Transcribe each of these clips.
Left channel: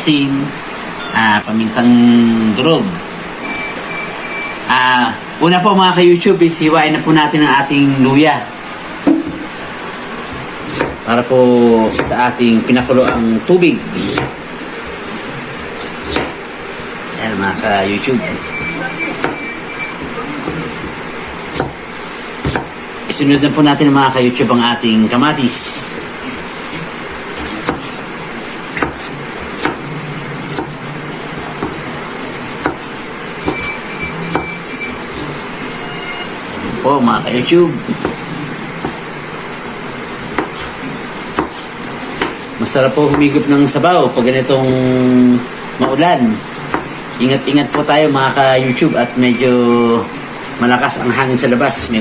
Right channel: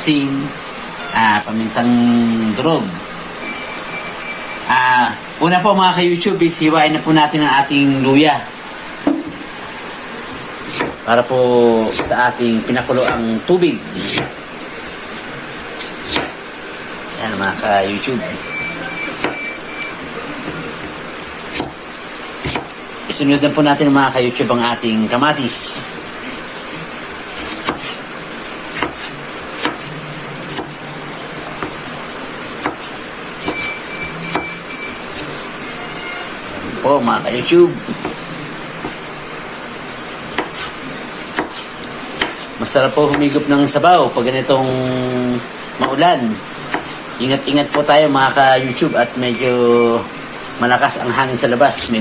asin, pamintang durog. Una po mga ka-YouTube, isiwain na po natin ang ating luya. Para po sa ating pinakulo ang tubig. Ayan mga ka-YouTube. Isunod na po natin mga ka-YouTube ang ating kamatis. Po mga ka-YouTube, masarap po humigop ng sabaw pag ganitong maulan. Ingat-ingat po tayo mga ka-YouTube at medyo malakas ang hangin sa labas. May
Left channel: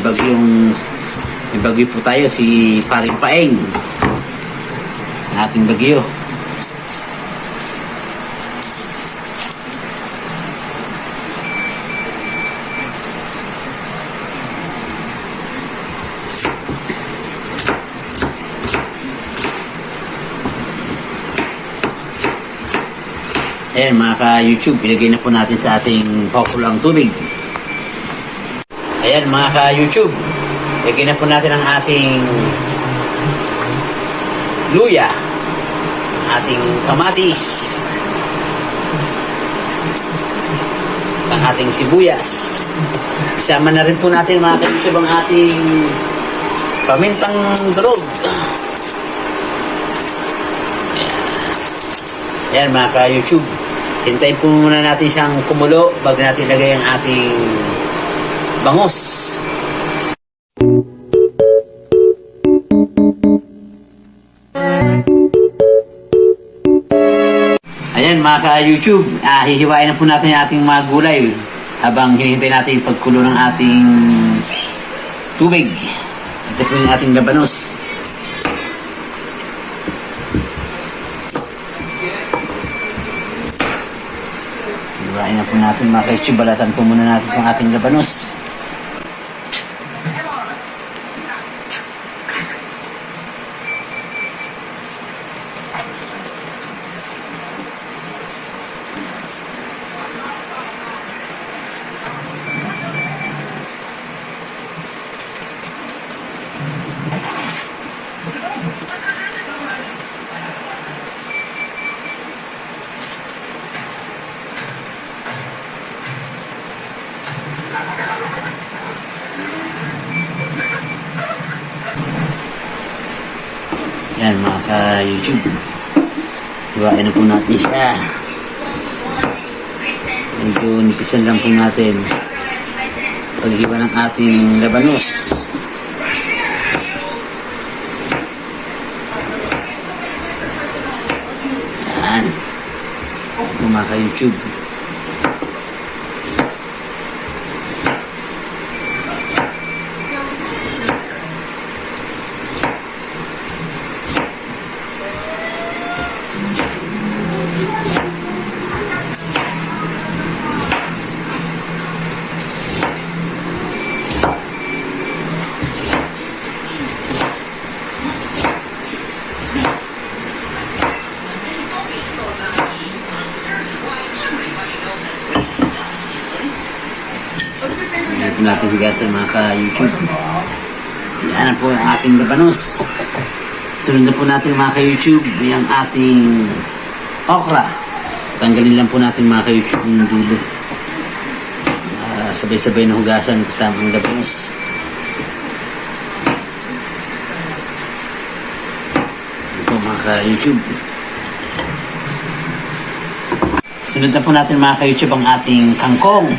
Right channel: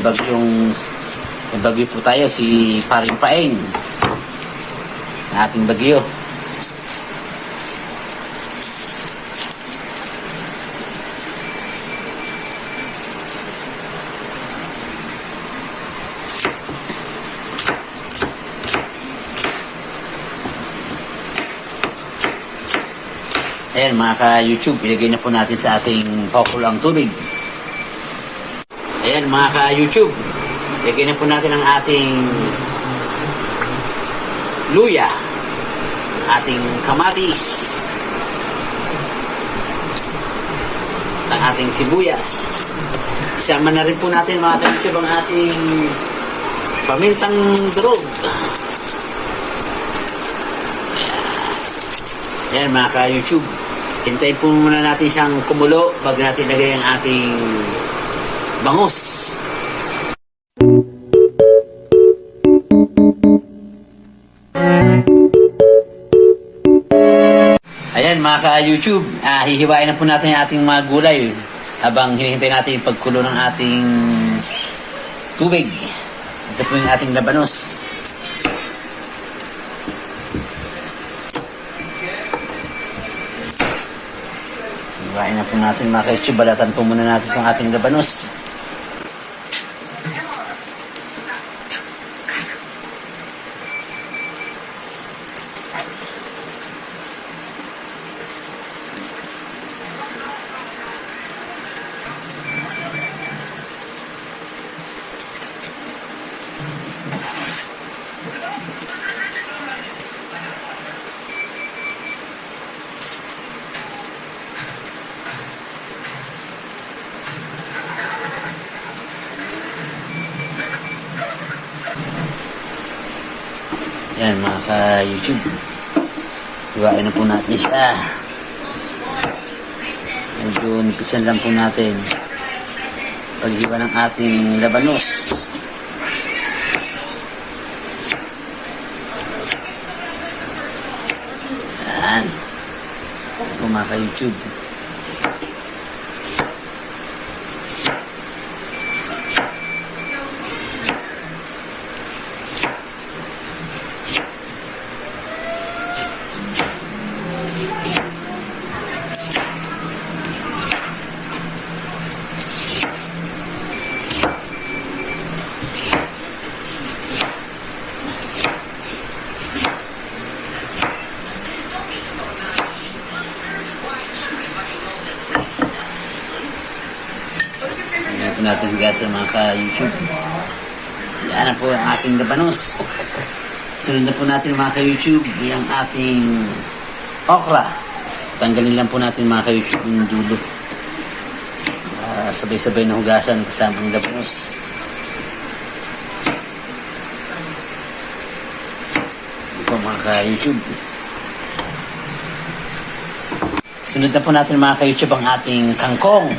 bagyo po tayo, si Paring Paeng, ang ating bagyo. Ayan mga ka-YouTube, ilagay na po natin sa ating pakulo ang tubig. Ayan mga ka-YouTube, ilagay na po natin ang ating luya, ating kamatis, ang ating sibuyas. Isama na rin po natin mga ka-YouTube ang ating pamintang durog. Ayan mga ka-YouTube, hintayin po muna natin siyang kumulo bago natin ilagay ang ating bangus. Ayan mga ka-YouTube, hihiwain na po natin ang ating mga gulay habang hinihintay natin yung pagkulo ng ating tubig. Ito po yung ating labanos. Hiwain na po natin mga ka-YouTube, balatan po muna natin ang ating labanos. Yan mga ka-YouTube, hiwain na po natin siya. Medyo nipisan lang po natin paghiwa ng ating labanos. Yan mga ka-YouTube. Ito natin hugasan mga ka-YouTube. Yan na po ang ating labanos. Sunod na po natin mga ka-YouTube yung ating okra. Tanggalin lang po natin mga ka-YouTube yung dulo. Sabay-sabay na hugasan kasama ang labanos. Ito mga ka-YouTube. Sunod na po natin mga ka-YouTube ang ating kangkong.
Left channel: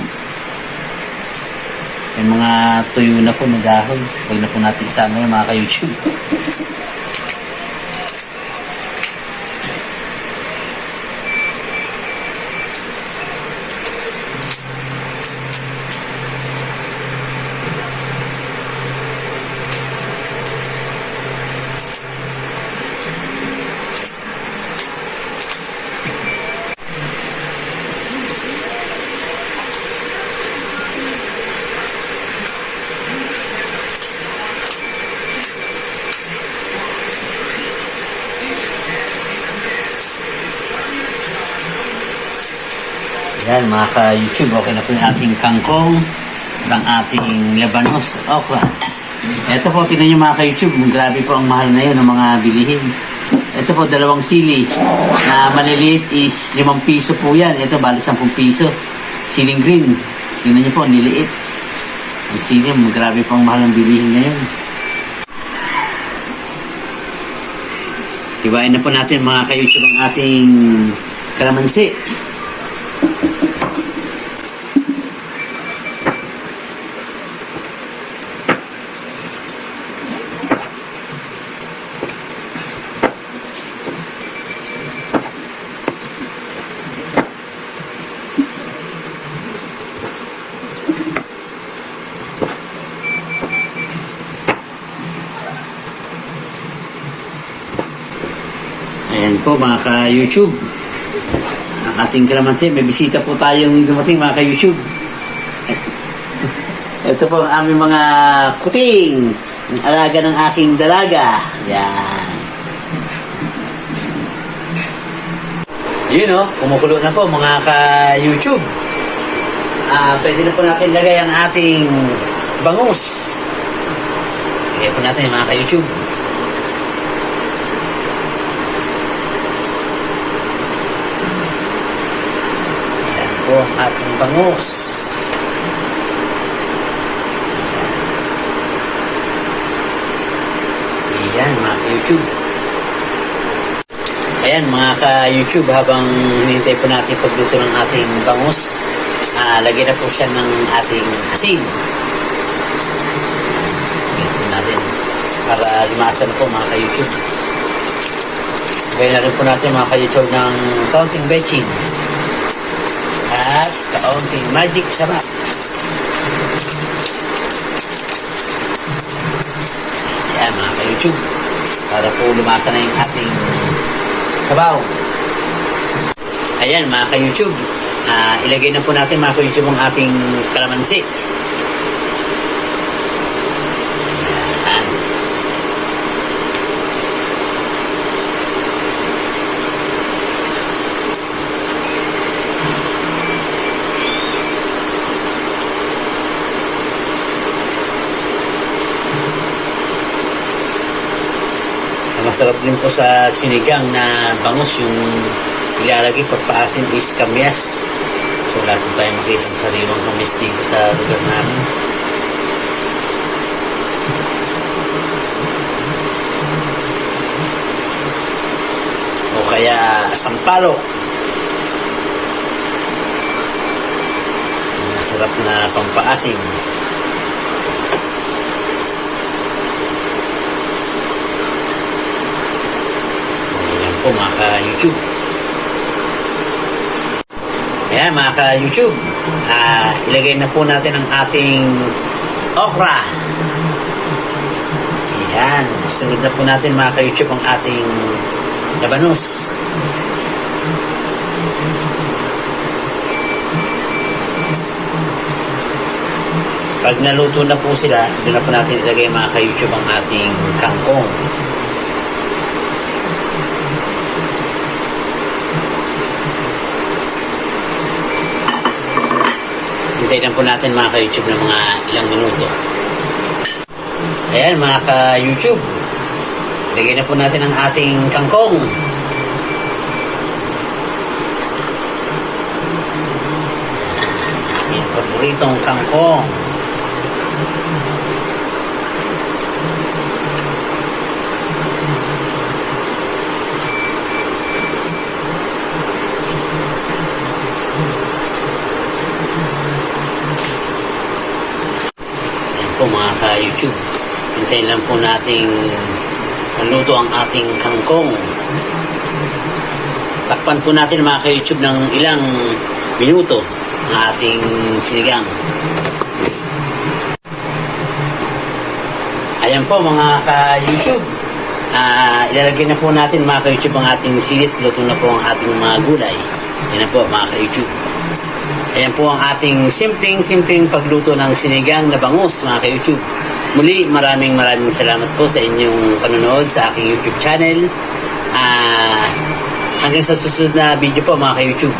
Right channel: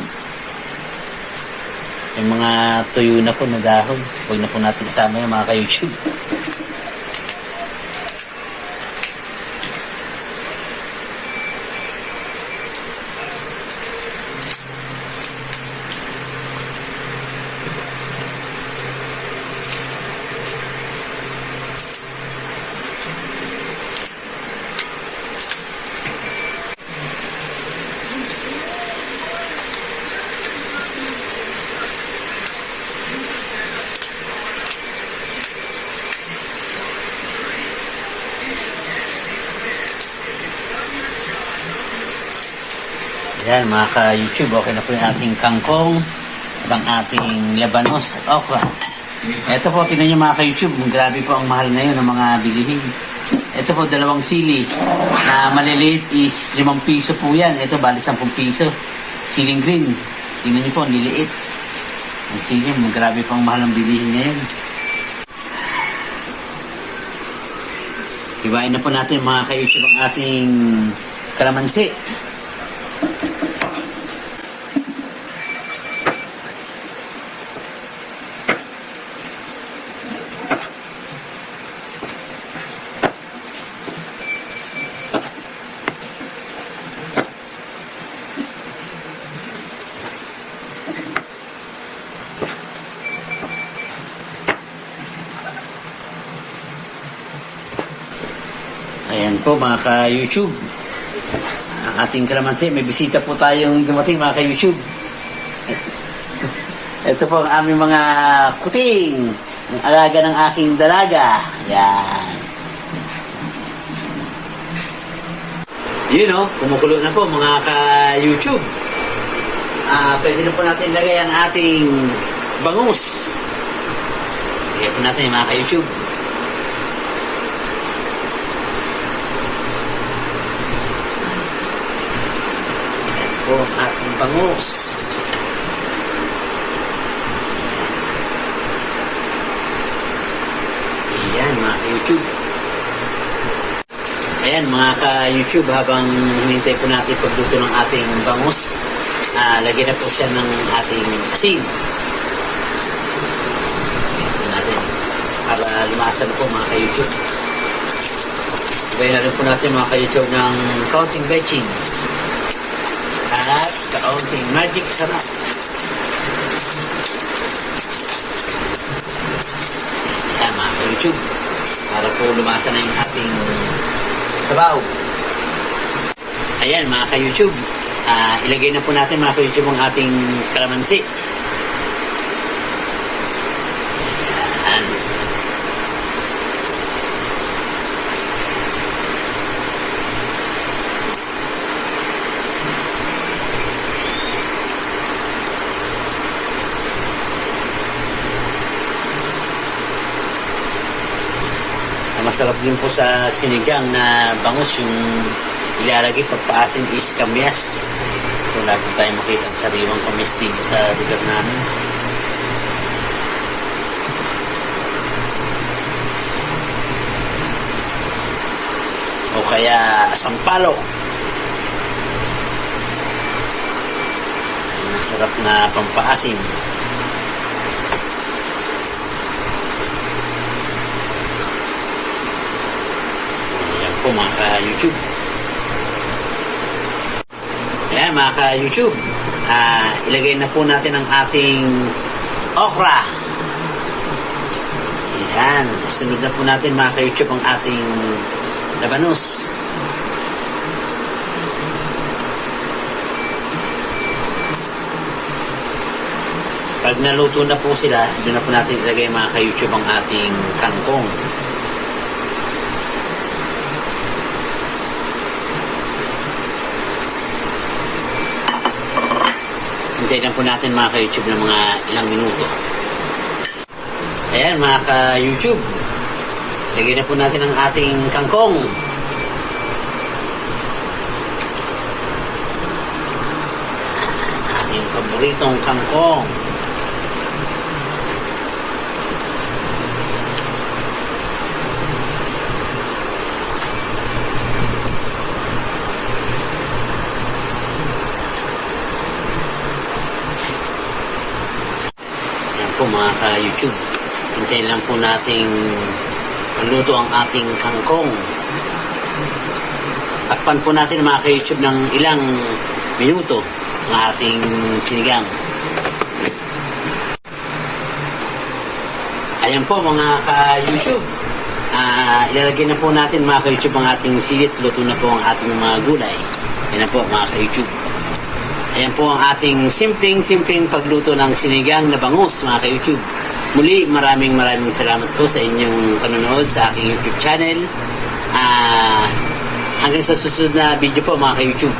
Yung mga tuyo na po na dahon. Huwag na po natin isama yung mga ka-YouTube. Ayan mga ka-YouTube, okay na po yung ating kangkong at ang ating labanos at okra. Ito po, tingnan nyo mga ka-YouTube, grabe po ang mahal na yun ng mga bilihin. Ito po, 2 sili na maliliit is 5 piso po yan. Ito, bali 10 piso. Siling green, tingnan nyo po, niliit. Ang sili, grabe po ang mahal ng bilihin na yun. Iwain na po natin mga ka-YouTube ang ating kalamansi. Ayan po mga ka-YouTube. Ang ating kalamansi, may bisita po tayong dumating mga ka-YouTube. Ito po ang aming mga kuting. Ang alaga ng aking dalaga. Ayan. Yun o, kumukulo na po mga ka-YouTube. Pwede na po natin lagay ang ating bangus. Lagay po natin mga ka-YouTube. Po ating bangus. Ayan mga ka-YouTube. Ayan mga ka-YouTube, habang hinintay po natin pagluto ng ating bangus, lagyan na po siya ng ating asin. Lagyan po natin para lumasan po mga ka-YouTube. Lagyan na rin po natin mga ka-YouTube ng kaunting bechin at kaunting magic sarap. Ayan mga ka-YouTube, para po lumasa na yung ating sabaw. Ayan mga ka-YouTube, ilagay na po natin mga ka-YouTube ang ating kalamansi. Ayan. Masarap din po sa sinigang na bangus yung ilalagay pagpaasim is kamyas. So wala po tayo makita sa sariling kamyas dito sa lugar namin. O kaya sampalok. Masarap na pampaasim. Po mga ka-YouTube. Ayan mga ka-YouTube, ilagay na po natin ang ating okra. Ayan, sunod na po natin mga ka-YouTube ang ating labanos. Pag naluto na po sila, doon na po natin ilagay mga ka-YouTube ang ating kangkong. Hintayin lang po natin mga ka-YouTube ng mga ilang minuto. Ayan mga ka-YouTube, lagay na po natin ang ating kangkong. Ating paboritong kangkong. Po mga ka-YouTube, hintayin lang po nating maluto ang ating kangkong. Takpan po natin mga ka-YouTube ng ilang minuto ng ating sinigang. Ayan po mga ka-YouTube, ilalagay na po natin mga ka-YouTube ang ating silit. Luto na po ang ating mga gulay. Yan na po mga ka-YouTube. Ayan po ang ating simpleng pagluto ng sinigang na bangus mga ka-YouTube. Muli, maraming salamat po sa inyong panonood sa aking YouTube channel. Hanggang sa susunod na video po mga ka-YouTube.